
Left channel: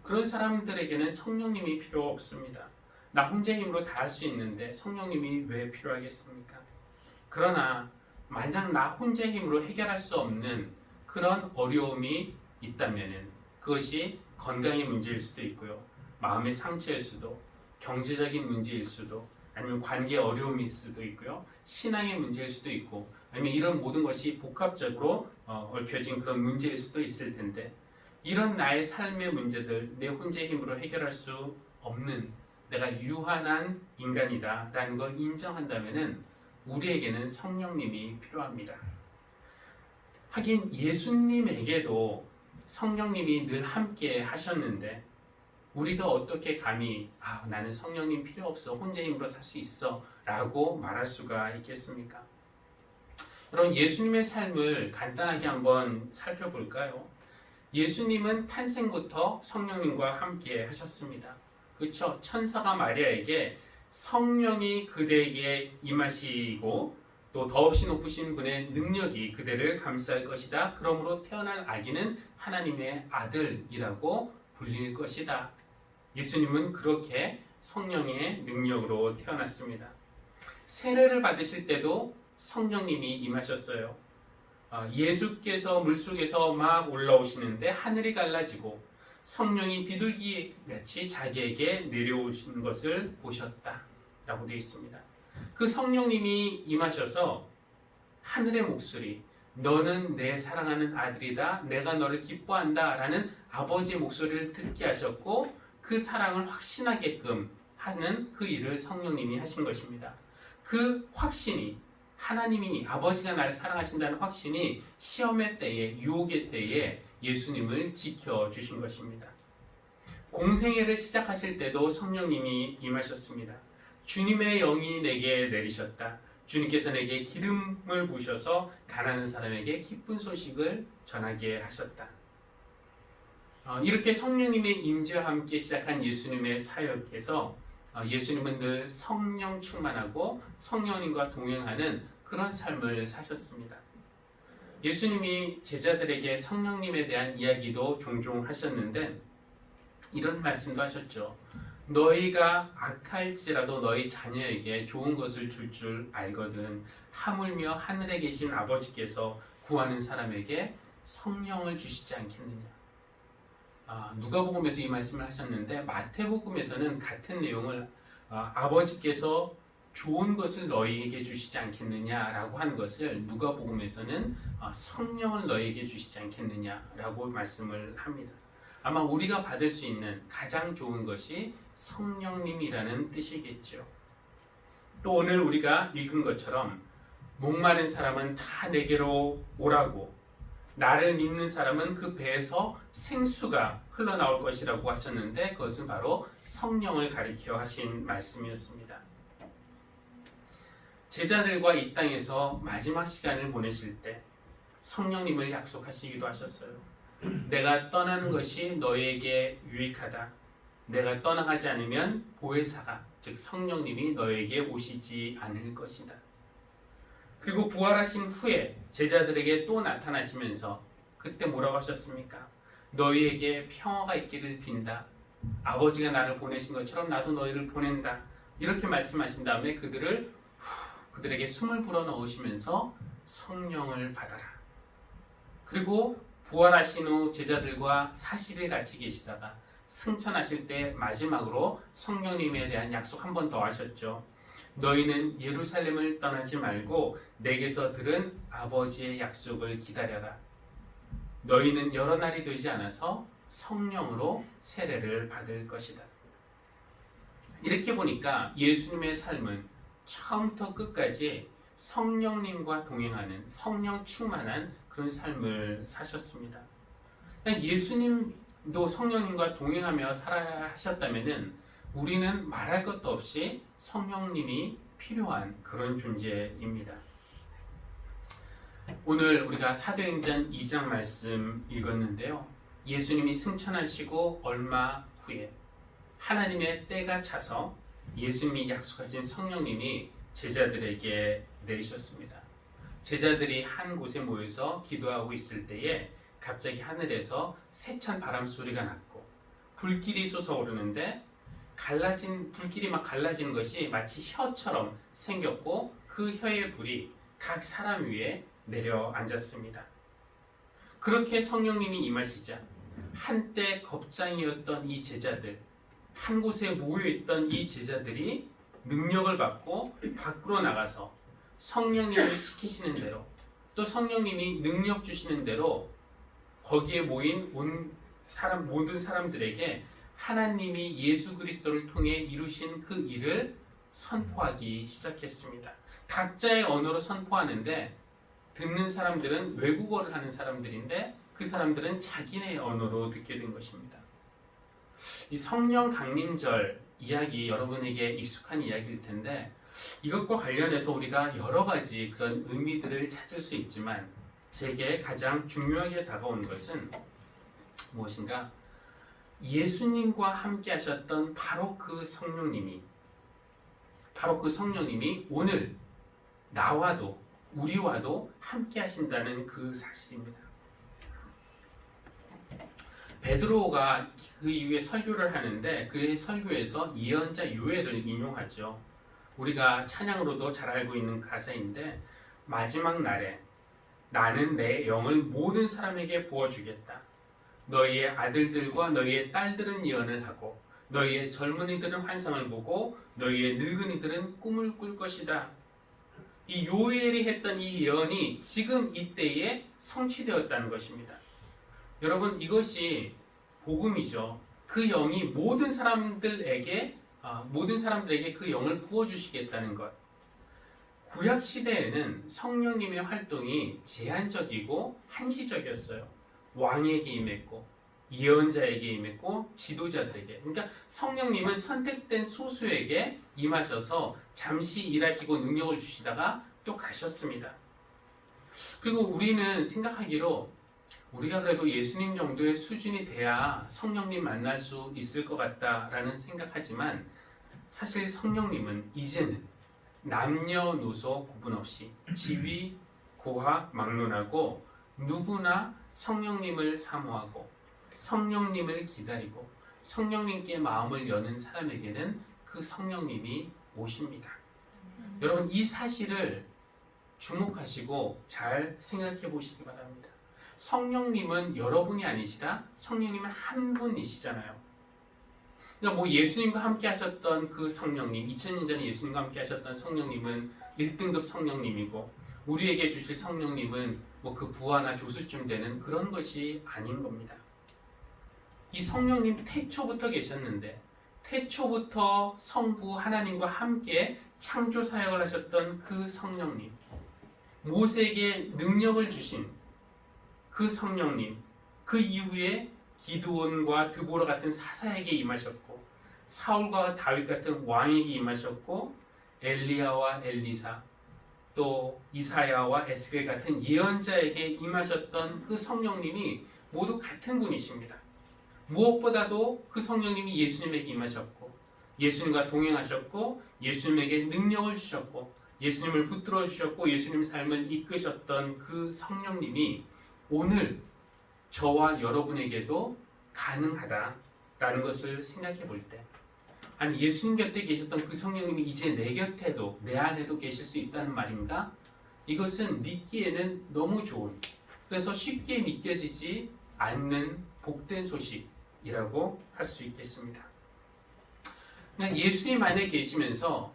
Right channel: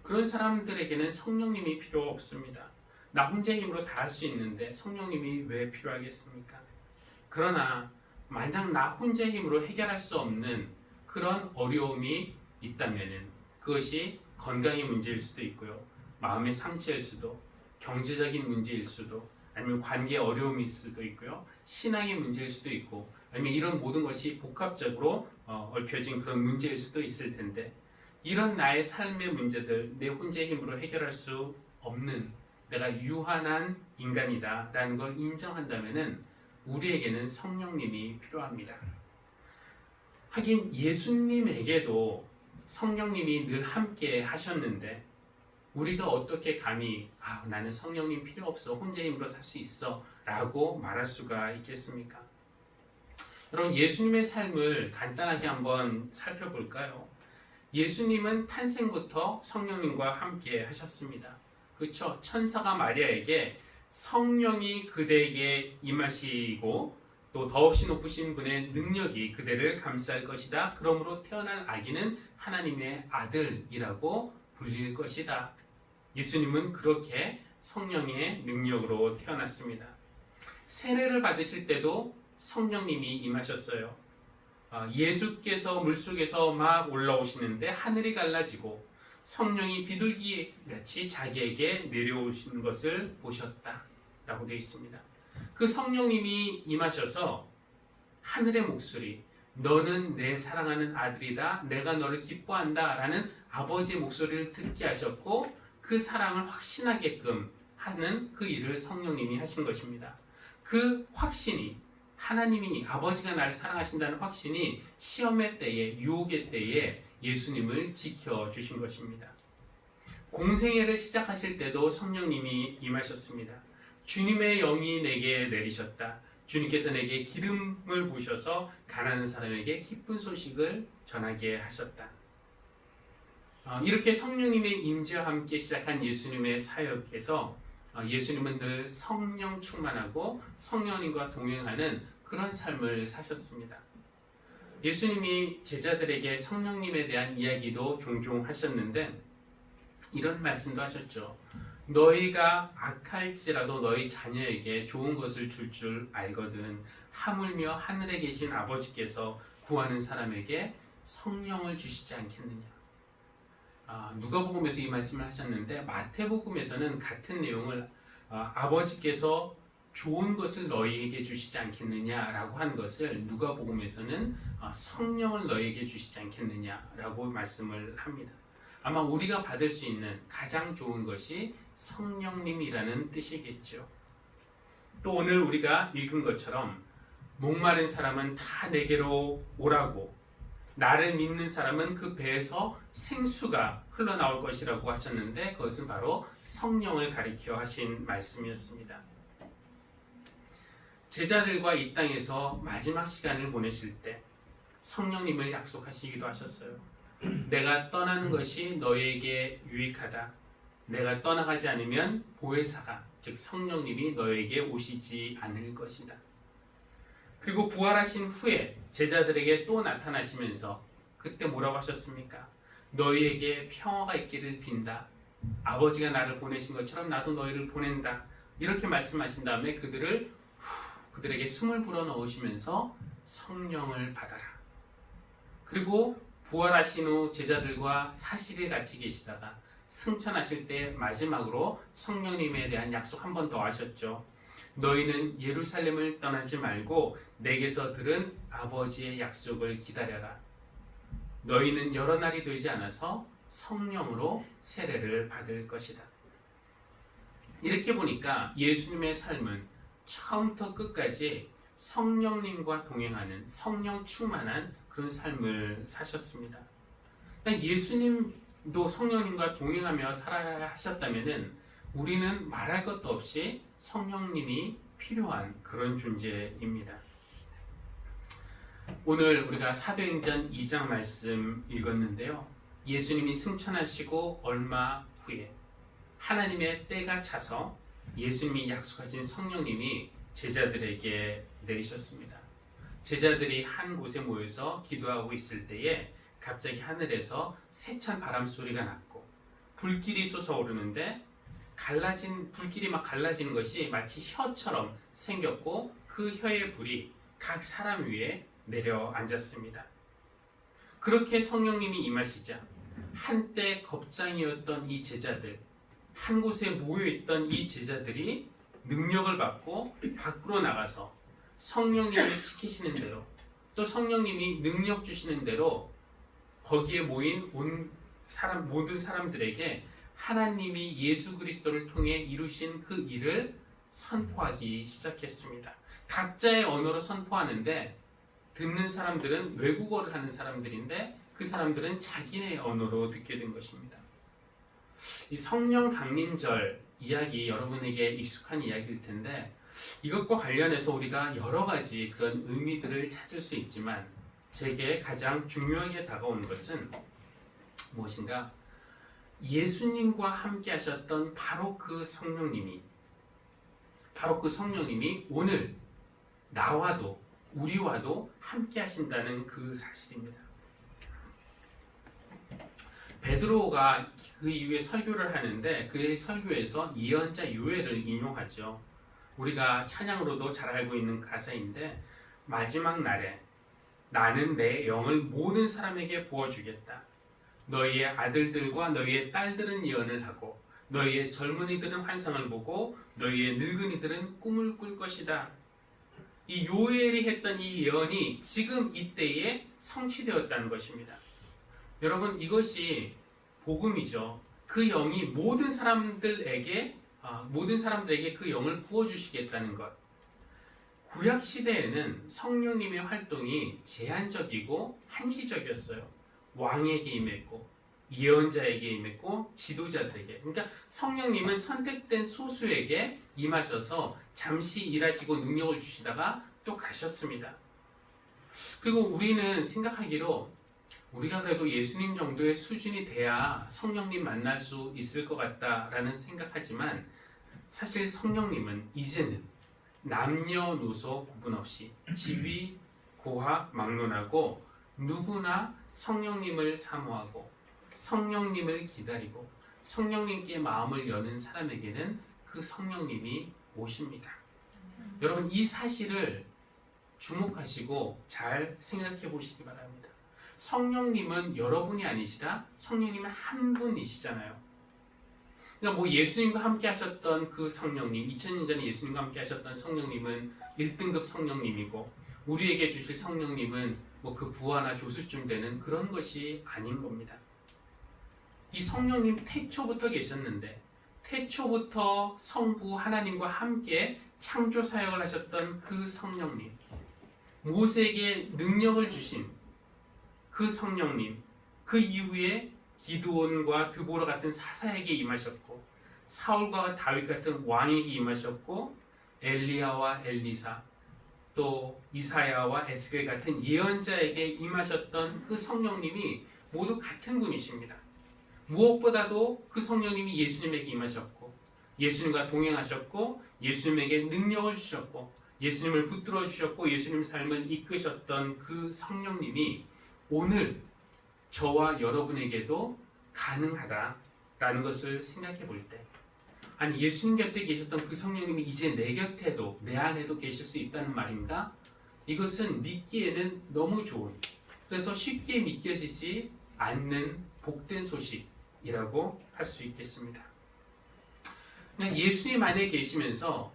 그런 사람들에게는 성령님이 필요 없습니다. 나 혼자의 힘으로 다 할 수 있는데 성령님이 왜 필요하겠습니까? 그러나 만약 나 혼자의 힘으로 해결할 수 없는 그런 어려움이 있다면 그것이 건강의 문제일 수도 있고요. 마음의 상처일 수도, 경제적인 문제일 수도, 아니면 관계 어려움일 수도 있고요. 신앙의 문제일 수도 있고, 아니면 이런 모든 것이 복합적으로 얽혀진 그런 문제일 수도 있을 텐데 이런 나의 삶의 문제들 내 혼자의 힘으로 해결할 수 없는 내가 유한한 인간이다 라는 걸 인정한다면 우리에게는 성령님이 필요합니다. 하긴 예수님에게도 성령님이 늘 함께 하셨는데 우리가 어떻게 감히 나는 성령님 필요 없어 혼자 힘으로 살 수 있어 라고 말할 수가 있겠습니까? 여러분 예수님의 삶을 간단하게 한번 살펴볼까요? 예수님은 탄생부터 성령님과 함께 하셨습니다. 그렇죠? 천사가 마리아에게 성령이 그대에게 임하시고 또 더없이 높으신 분의 능력이 그대를 감쌀 것이다. 그러므로 태어날 아기는 하나님의 아들이라고 불릴 것이다. 예수님은 그렇게 성령의 능력으로 태어났습니다. 세례를 받으실 때도 성령님이 임하셨어요. 예수께서 물속에서 막 올라오시는데 하늘이 갈라지고 성령이 비둘기같이 자기에게 내려오시는 것을 보셨다 라고 되어 있습니다. 그 성령님이 임하셔서 하늘의 목소리, 너는 내 사랑하는 아들이다, 내가 너를 기뻐한다 라는 아버지의 목소리를 듣게 하셨고 그 사랑을 확신하게끔 하는 그 일을 성령님이 하신 것입니다. 그 확신이 하나님이 아버지가 날 사랑하신다는 확신이 시험의 때에 유혹의 때에 예수님을 지켜주신 것입니다. 공생애를 시작하실 때도 성령님이 임하셨습니다. 주님의 영이 내게 내리셨다. 주님께서 내게 기름을 부으셔서 가난한 사람에게 기쁜 소식을 전하게 하셨다. 이렇게 성령님의 임재와 함께 시작한 예수님의 사역에서 예수님은 늘 성령 충만하고 성령님과 동행하는 그런 삶을 사셨습니다. 예수님이 제자들에게 성령님에 대한 이야기도 종종 하셨는데 이런 말씀도 하셨죠. 너희가 악할지라도 너희 자녀에게 좋은 것을 줄 알거든 하물며 하늘에 계신 아버지께서 구하는 사람에게 성령을 주시지 않겠느냐. 누가복음에서 이 말씀을 하셨는데 마태복음에서는 같은 내용을 아버지께서 좋은 것을 너희에게 주시지 않겠느냐라고 한 것을 누가복음에서는 성령을 너희에게 주시지 않겠느냐라고 말씀을 합니다. 아마 우리가 받을 수 있는 가장 좋은 것이 성령님이라는 뜻이겠죠. 또 오늘 우리가 읽은 것처럼 목마른 사람은 다 내게로 오라고 나를 믿는 사람은 그 배에서 생수가 흘러나올 것이라고 하셨는데 그것은 바로 성령을 가리켜 하신 말씀이었습니다. 제자들과 이 땅에서 마지막 시간을 보내실 때 성령님을 약속하시기도 하셨어요. 내가 떠나는 것이 너에게 유익하다. 내가 떠나가지 않으면 보혜사가 즉 성령님이 너에게 오시지 않을 것이다. 그리고 부활하신 후에 제자들에게 또 나타나시면서 그때 뭐라고 하셨습니까? 너희에게 평화가 있기를 빈다. 아버지가 나를 보내신 것처럼 나도 너희를 보낸다. 이렇게 말씀하신 다음에 그들에게 숨을 불어넣으시면서 성령을 받아라. 그리고 부활하신 후 제자들과 40일 같이 계시다가 승천하실 때 마지막으로 성령님에 대한 약속 한 번 더 하셨죠. 너희는 예루살렘을 떠나지 말고 내게서 들은 아버지의 약속을 기다려라. 너희는 여러 날이 되지 않아서 성령으로 세례를 받을 것이다. 이렇게 보니까 예수님의 삶은 처음부터 끝까지 성령님과 동행하는 성령 충만한 그런 삶을 사셨습니다. 예수님도 성령님과 동행하며 살아야 하셨다면은 우리는 말할 것도 없이 성령님이 필요한 그런 존재입니다. 오늘 우리가 사도행전 2장 말씀 읽었는데요. 예수님이 승천하시고 얼마 후에 하나님의 때가 차서 예수님이 약속하신 성령님이 제자들에게 내리셨습니다. 제자들이 한 곳에 모여서 기도하고 있을 때에 갑자기 하늘에서 세찬 바람 소리가 났고 불길이 솟아오르는데 불길이 막 갈라지는 것이 마치 혀처럼 생겼고 그 혀의 불이 각 사람 위에 내려앉았습니다. 그렇게 성령님이 임하시자 한때 겁장이었던 이 제자들, 한 곳에 모여있던 이 제자들이 능력을 받고 밖으로 나가서 성령님이 시키시는 대로 또 성령님이 능력 주시는 대로 거기에 모인 모든 사람들에게 하나님이 예수 그리스도를 통해 이루신 그 일을 선포하기 시작했습니다. 각자의 언어로 선포하는데 듣는 사람들은 외국어를 하는 사람들인데 그 사람들은 자기네 언어로 듣게 된 것입니다. 이 성령 강림절 이야기 여러분에게 익숙한 이야기일 텐데 이것과 관련해서 우리가 여러 가지 그런 의미들을 찾을 수 있지만 제게 가장 중요하게 다가온 것은 무엇인가? 예수님과 함께 하셨던 바로 그 성령님이 오늘 나와도 우리와도 함께 하신다는 그 사실입니다. 베드로가 그 이후에 설교를 하는데 그의 설교에서 예언자 요엘을 인용하죠. 우리가 찬양으로도 잘 알고 있는 가사인데 마지막 날에 나는 내 영을 모든 사람에게 부어주겠다. 너희의 아들들과 너희의 딸들은 예언을 하고 너희의 젊은이들은 환상을 보고 너희의 늙은이들은 꿈을 꿀 것이다. 이 요엘이 했던 이 예언이 지금 이때에 성취되었다는 것입니다. 여러분 이것이 복음이죠. 그 영이 모든 사람들에게 그 영을 부어주시겠다는 것. 구약 시대에는 성령님의 활동이 제한적이고 한시적이었어요. 왕에게 임했고 예언자에게 임했고 지도자들에게. 그러니까 성령님은 선택된 소수에게 임하셔서 잠시 일하시고 능력을 주시다가 또 가셨습니다. 그리고 우리는 생각하기로 우리가 그래도 예수님 정도의 수준이 돼야 성령님 만날 수 있을 것 같다라는 생각하지만 사실 성령님은 이제는 남녀노소 구분 없이 지위, 고학, 막론하고 누구나 성령님을 사모하고 성령님을 기다리고 성령님께 마음을 여는 사람에게는 그 성령님이 오십니다. 여러분 이 사실을 주목하시고 잘 생각해 보시기 바랍니다. 성령님은 여러분이 아니시라 성령님은 한 분이시잖아요. 그러니까 예수님과 함께 하셨던 그 성령님, 2000년 전에 예수님과 함께 하셨던 성령님은 1등급 성령님이고 우리에게 주실 성령님은 그 부하나 조수쯤 되는 그런 것이 아닌 겁니다. 이 성령님 태초부터 계셨는데 태초부터 성부 하나님과 함께 창조 사역을 하셨던 그 성령님, 모세에게 능력을 주신 그 성령님, 그 이후에 기드온과 드보라 같은 사사에게 임하셨고 사울과 다윗 같은 왕에게 임하셨고 엘리야와 엘리사 또 이사야와 에스겔 같은 예언자에게 임하셨던 그 성령님이 모두 같은 분이십니다. 무엇보다도 그 성령님이 예수님에게 임하셨고 예수님과 동행하셨고 예수님에게 능력을 주셨고 예수님을 붙들어 주셨고 예수님 삶을 이끄셨던 그 성령님이 오늘 저와 여러분에게도 가능하다라는 것을 생각해 볼 때 아니 예수님 곁에 계셨던 그 성령님이 이제 내 곁에도 내 안에도 계실 수 있다는 말인가? 이것은 믿기에는 너무 좋은 그래서 쉽게 믿겨지지 않는 복된 소식 능력이라고 할 수 있겠습니다. 그냥 예수님 안에 계시면서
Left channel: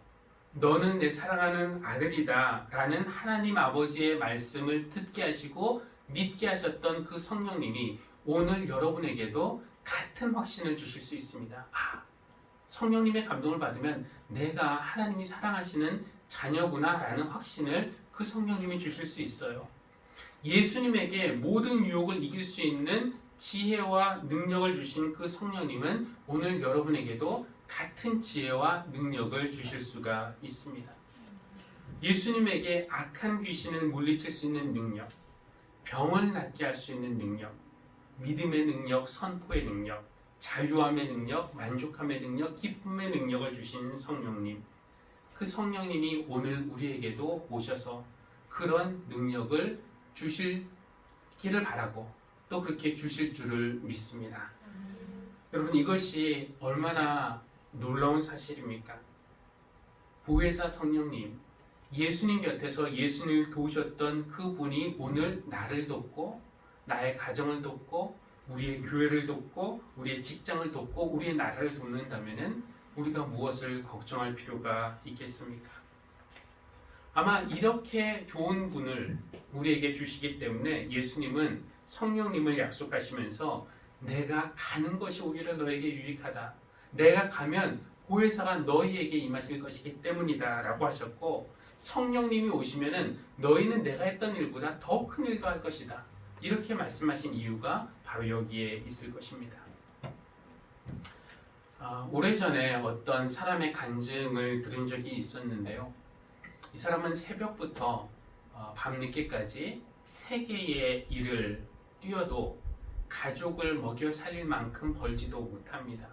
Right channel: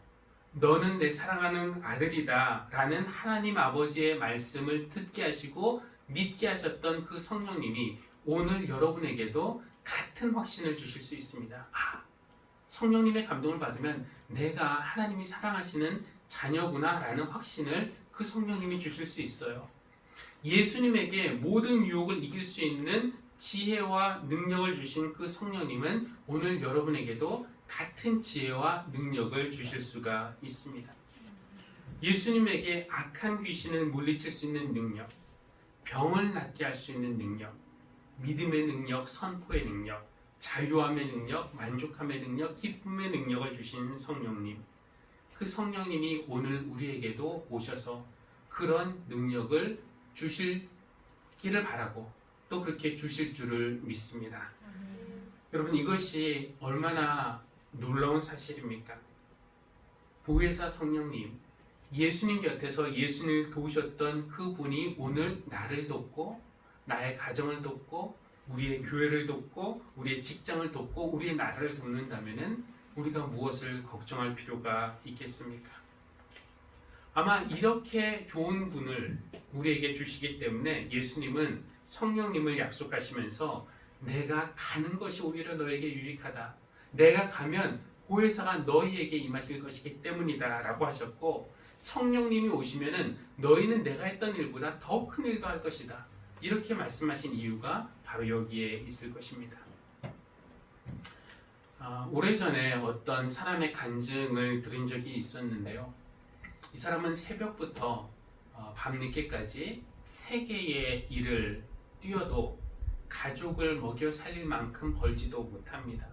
너는 내 사랑하는 아들이다 라는 하나님 아버지의 말씀을 듣게 하시고 믿게 하셨던 그 성령님이 오늘 여러분에게도 같은 확신을 주실 수 있습니다. 성령님의 감동을 받으면 내가 하나님이 사랑하시는 자녀구나 라는 확신을 그 성령님이 주실 수 있어요. 예수님에게 모든 유혹을 이길 수 있는 지혜와 능력을 주신 그 성령님은 오늘 여러분에게도 같은 지혜와 능력을 주실 수가 있습니다. 예수님에게 악한 귀신을 물리칠 수 있는 능력, 병을 낫게 할 수 있는 능력, 믿음의 능력, 선포의 능력, 자유함의 능력, 만족함의 능력, 기쁨의 능력을 주신 성령님, 그 성령님이 오늘 우리에게도 오셔서 그런 능력을 주시기를 바라고 또 그렇게 주실 줄을 믿습니다. 여러분, 이것이 얼마나 놀라운 사실입니까? 보혜사 성령님, 예수님 곁에서 예수님을 도우셨던 그분이 오늘 나를 돕고 나의 가정을 돕고 우리의 교회를 돕고 우리의 직장을 돕고 우리의 나라를 돕는다면은 우리가 무엇을 걱정할 필요가 있겠습니까? 아마 이렇게 좋은 분을 우리에게 주시기 때문에 예수님은 성령님을 약속하시면서 내가 가는 것이 오히려 너에게 유익하다. 내가 가면 보혜사가 너희에게 임하실 것이기 때문이다 라고 하셨고, 성령님이 오시면은 너희는 내가 했던 일보다 더 큰 일도 할 것이다. 이렇게 말씀하신 이유가 바로 여기에 있을 것입니다. 오래전에 어떤 사람의 간증을 들은 적이 있었는데요. 이 사람은 새벽부터 밤늦게까지 3개의 일을 뛰어도 가족을 먹여 살릴 만큼 벌지도 못합니다.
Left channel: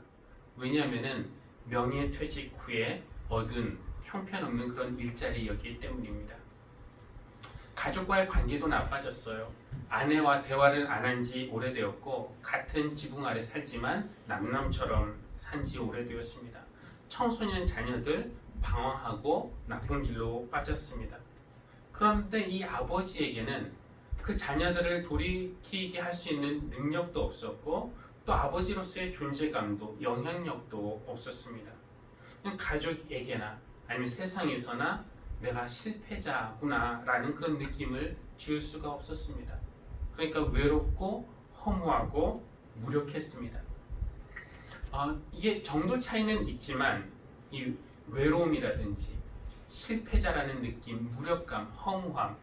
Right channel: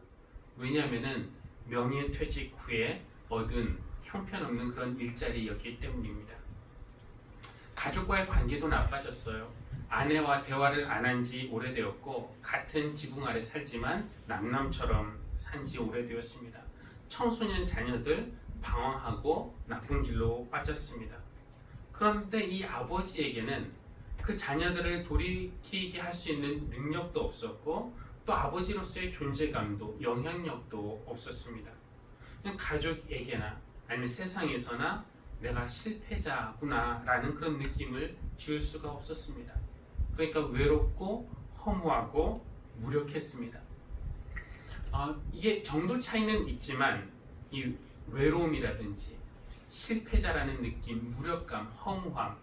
왜냐하면 명예퇴직 후에 얻은 형편없는 그런 일자리였기 때문입니다. 가족과의 관계도 나빠졌어요. 아내와 대화를 안 한 지 오래되었고 같은 지붕 아래 살지만 남남처럼 산 지 오래되었습니다. 청소년 자녀들 방황하고 나쁜 길로 빠졌습니다. 그런데 이 아버지에게는 그 자녀들을 돌이키게 할 수 있는 능력도 없었고 또 아버지로서의 존재감도 영향력도 없었습니다. 그냥 가족에게나 아니면 세상에서나 내가 실패자구나 라는 그런 느낌을 지을 수가 없었습니다. 그러니까 외롭고 허무하고 무력했습니다. 이게 정도 차이는 있지만 이 외로움이라든지 실패자라는 느낌, 무력감, 허무함,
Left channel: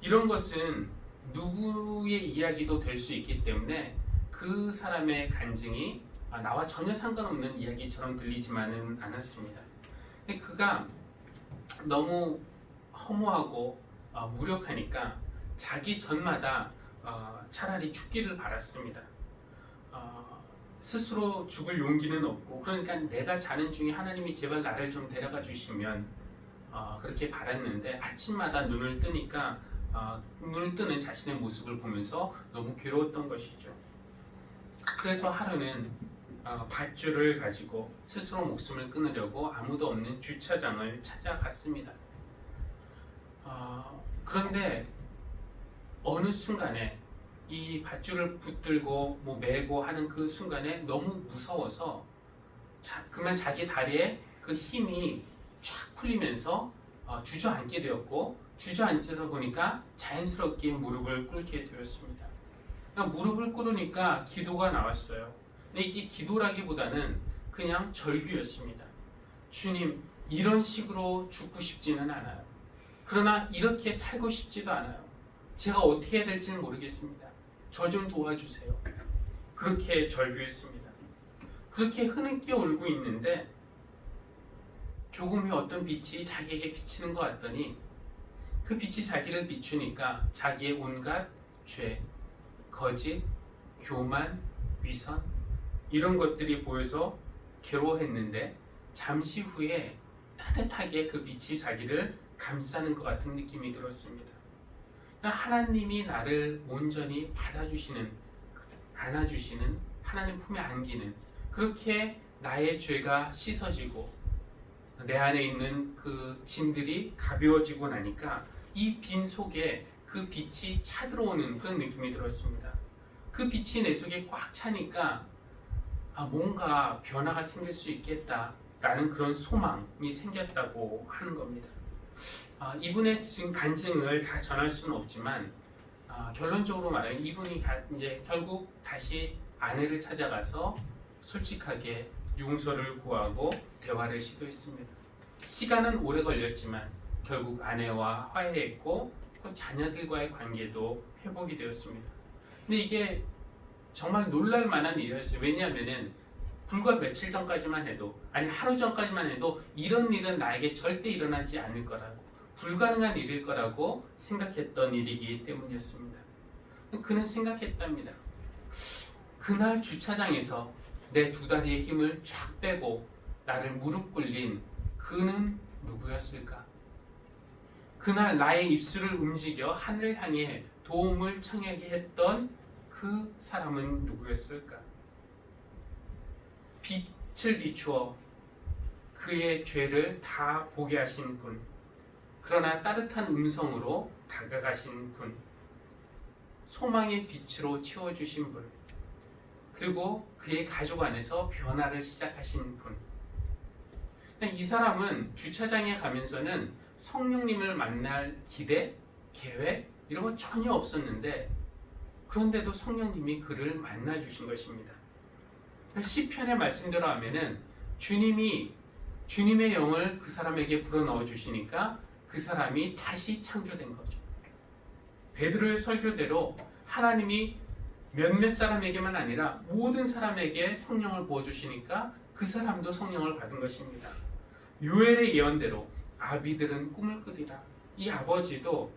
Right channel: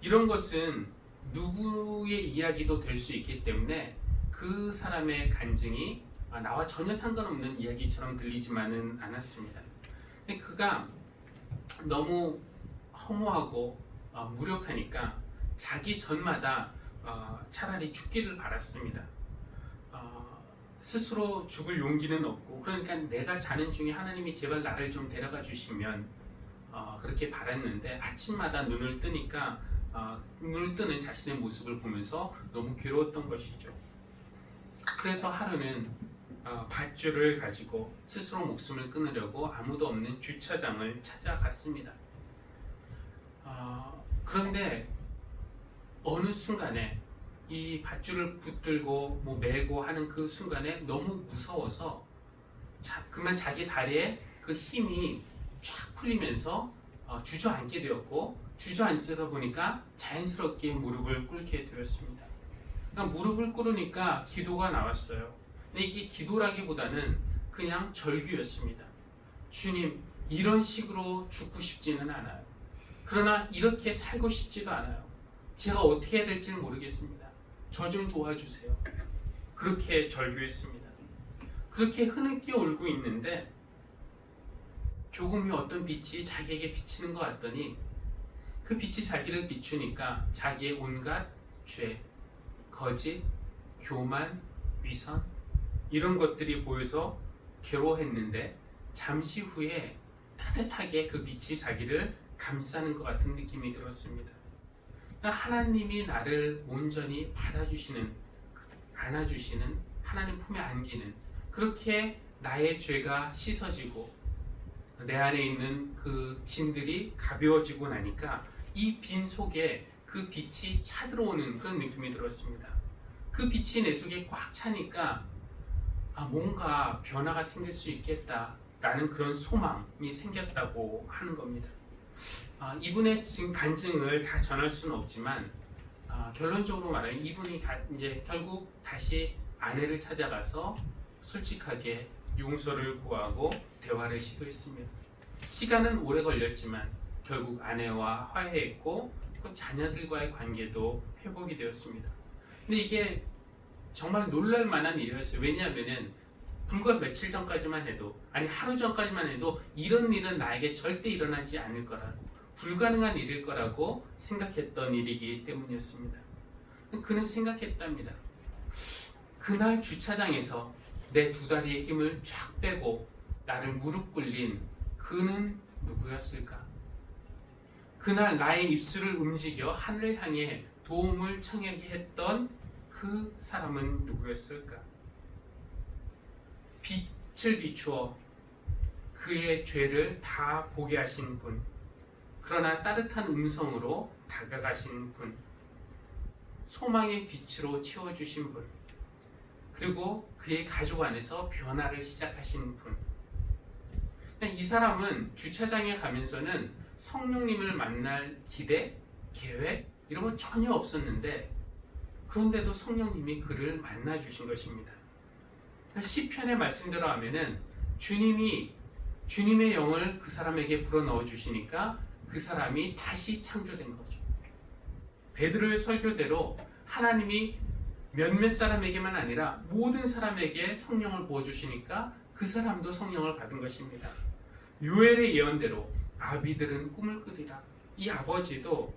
이런 것은 누구의 이야기도 될 수 있기 때문에 그 사람의 간증이 나와 전혀 상관없는 이야기처럼 들리지만은 않았습니다. 근데 그가 너무 허무하고 무력하니까 자기 전마다 차라리 죽기를 바랐습니다. 스스로 죽을 용기는 없고, 그러니까 내가 자는 중에 하나님이 제발 나를 좀 데려가 주시면 그렇게 바랐는데 아침마다 눈을 뜨니까 눈을 뜨는 자신의 모습을 보면서 너무 괴로웠던 것이죠. 그래서 하루는 밧줄을 가지고 스스로 목숨을 끊으려고 아무도 없는 주차장을 찾아갔습니다. 그런데 어느 순간에 이 밧줄을 붙들고 메고 하는 그 순간에 너무 무서워서 그만 자기 다리에 그 힘이 쫙 풀리면서 주저앉게 되었고, 주저앉다 보니까 자연스럽게 무릎을 꿇게 되었습니다. 그러니까 무릎을 꿇으니까 기도가 나왔어요. 근데 이게 기도라기보다는 그냥 절규였습니다. 주님, 이런 식으로 죽고 싶지는 않아요. 그러나 이렇게 살고 싶지도 않아요. 제가 어떻게 해야 될지는 모르겠습니다. 저 좀 도와주세요. 그렇게 절규했습니다. 그렇게 흐느껴 울고 있는데 조금 후에 어떤 빛이 자기에게 비치는 것 같더니 그 빛이 자기를 비추니까 자기의 온갖 죄, 거짓, 교만, 위선, 이런 것들이 보여서 괴로워했는데 잠시 후에 따뜻하게 그 빛이 자기를 감싸는 것 같은 느낌이 들었습니다. 하나님이 나를 온전히 받아주시는, 안아주시는, 하나님 품에 안기는, 그렇게 나의 죄가 씻어지고 내 안에 있는 그 짐들이 가벼워지고 나니까 이 빈 속에 그 빛이 차들어오는 그런 느낌이 들었습니다. 그 빛이 내 속에 꽉 차니까 뭔가 변화가 생길 수 있겠다라는 그런 소망이 생겼다고 하는 겁니다. 이분의 지금 간증을 다 전할 수는 없지만 결론적으로 말하면 이분이 이제 결국 다시 아내를 찾아가서 솔직하게 용서를 구하고 대화를 시도했습니다. 시간은 오래 걸렸지만 결국 아내와 화해했고 그 자녀들과의 관계도 회복이 되었습니다. 근데 이게 정말 놀랄 만한 일이었어요. 왜냐하면은 불과 며칠 전까지만 해도, 아니 하루 전까지만 해도 이런 일은 나에게 절대 일어나지 않을 거라고, 불가능한 일일 거라고 생각했던 일이기 때문이었습니다. 그는 생각했답니다. 그날 주차장에서 내 두 다리의 힘을 쫙 빼고 나를 무릎 꿇린 그는 누구였을까? 그날 나의 입술을 움직여 하늘을 향해 도움을 청하게 했던 그 사람은 누구였을까? 빛을 비추어 그의 죄를 다 보게 하신 분, 그러나 따뜻한 음성으로 다가가신 분, 소망의 빛으로 채워주신 분, 그리고 그의 가족 안에서 변화를 시작하신 분. 이 사람은 주차장에 가면서는 성령님을 만날 기대, 계획 이런 거 전혀 없었는데, 그런데도 성령님이 그를 만나 주신 것입니다. 시편의 말씀대로 하면은 주님의 영을 그 사람에게 불어넣어 주시니까 그 사람이 다시 창조된 거죠. 베드로의 설교대로 하나님이 몇몇 사람에게만 아니라 모든 사람에게 성령을 부어주시니까 그 사람도 성령을 받은 것입니다. 요엘의 예언대로 아비들은 꿈을 꾸리라. 이 아버지도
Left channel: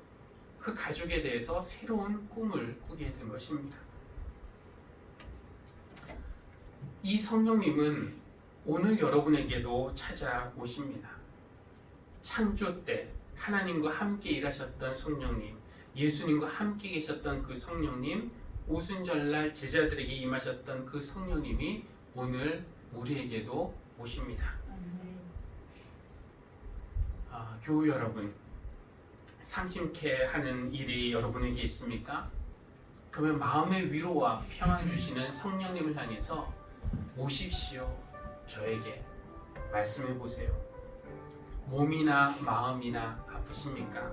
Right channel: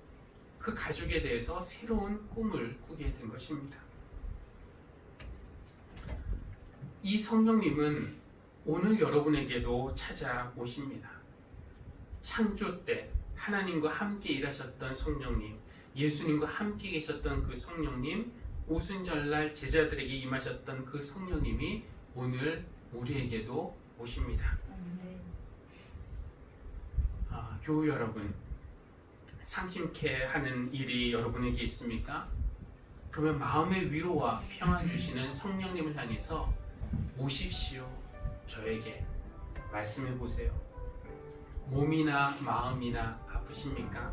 그 가족에 대해서 새로운 꿈을 꾸게 된 것입니다. 이 성령님은 오늘 여러분에게도 찾아오십니다. 창조 때 하나님과 함께 일하셨던 성령님, 예수님과 함께 계셨던 그 성령님, 오순절날 제자들에게 임하셨던 그 성령님이 오늘 우리에게도 오십니다. 교우 여러분, 상심케 하는 일이 여러분에게 있습니까? 그러면 마음의 위로와 평안 주시는 성령님을 향해서 오십시오. 저에게 말씀해 보세요. 몸이나 마음이나 아프십니까?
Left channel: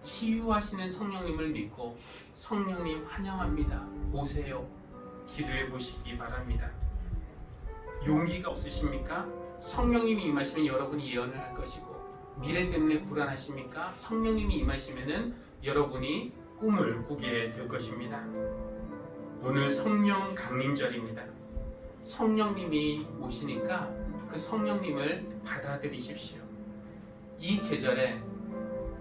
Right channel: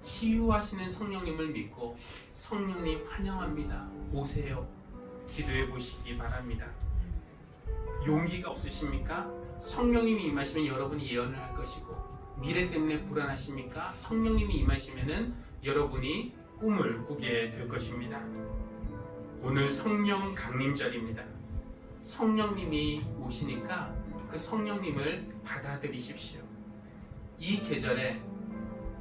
치유하시는 성령님을 믿고 성령님 환영합니다. 오세요. 기도해 보시기 바랍니다. 용기가 없으십니까? 성령님이 임하시면 여러분이 예언을 할 것이고, 미래 때문에 불안하십니까? 성령님이 임하시면은 여러분이 꿈을 꾸게 될 것입니다. 오늘 성령 강림절입니다. 성령님이 오시니까 그 성령님을 받아들이십시오. 이 계절에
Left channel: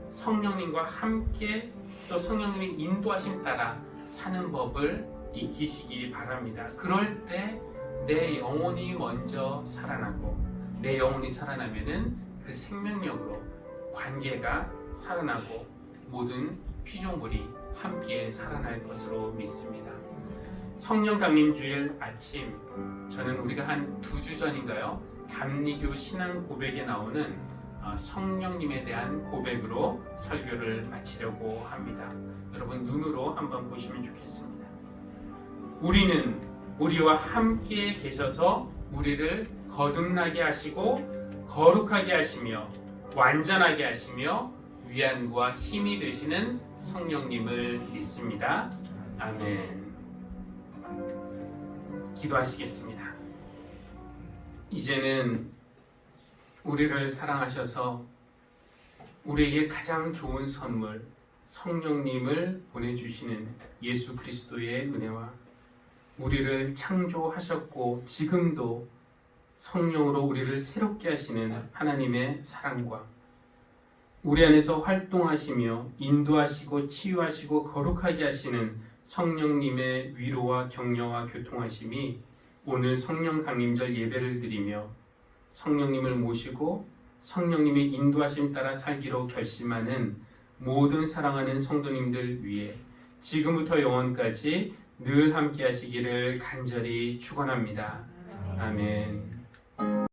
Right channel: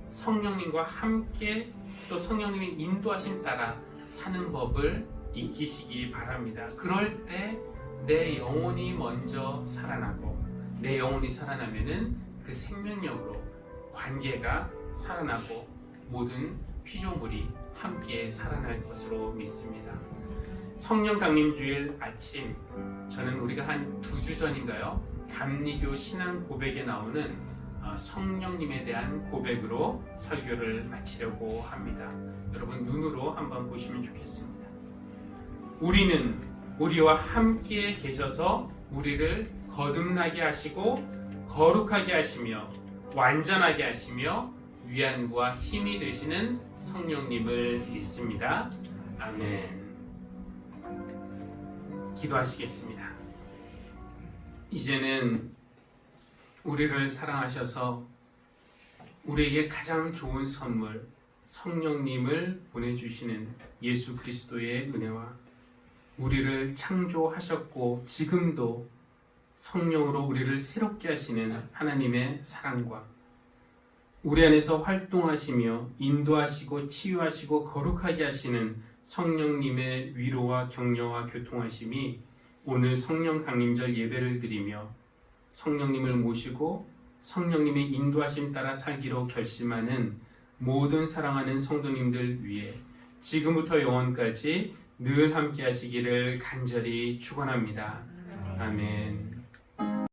성령님과 함께 또 성령님의 인도하심 따라 사는 법을 익히시기 바랍니다. 그럴 때 내 영혼이 먼저 살아나고, 내 영혼이 살아나면은 그 생명력으로 관계가 살아나고 모든 피조물이 함께 살아날 것으로 믿습니다. 성령 강림 주일 아침, 저는 우리가 한 2주 전인가요? 감리교 신앙 고백에 나오는 성령님에 대한 고백으로 설교를 마치려고 합니다. 여러분 눈으로 한번 보시면 좋겠습니다. 우리는 우리와 함께 계셔서 우리를 거듭나게 하시고 거룩하게 하시며 완전하게 하시며 위안과 힘이 되시는 성령님을 믿습니다. 아멘. 기도하시겠습니다. 이제는 우리를 사랑하셔서 우리에게 가장 좋은 선물 성령님을 보내주시는 예수 그리스도의 은혜와 우리를 창조하셨고 지금도 성령으로 우리를 새롭게 하시는 하나님의 사랑과 우리 안에서 활동하시며 인도하시고 치유하시고 거룩하게 하시는 성령님의 위로와 격려와 교통하심이 오늘 성령 강림절 예배를 드리며 성령님을 모시고 성령님의 인도하심 따라 살기로 결심하는 모든 사랑하는 성도님들 위해 지금부터 영원까지 늘 함께 하시기를 간절히 축원합니다. 아멘.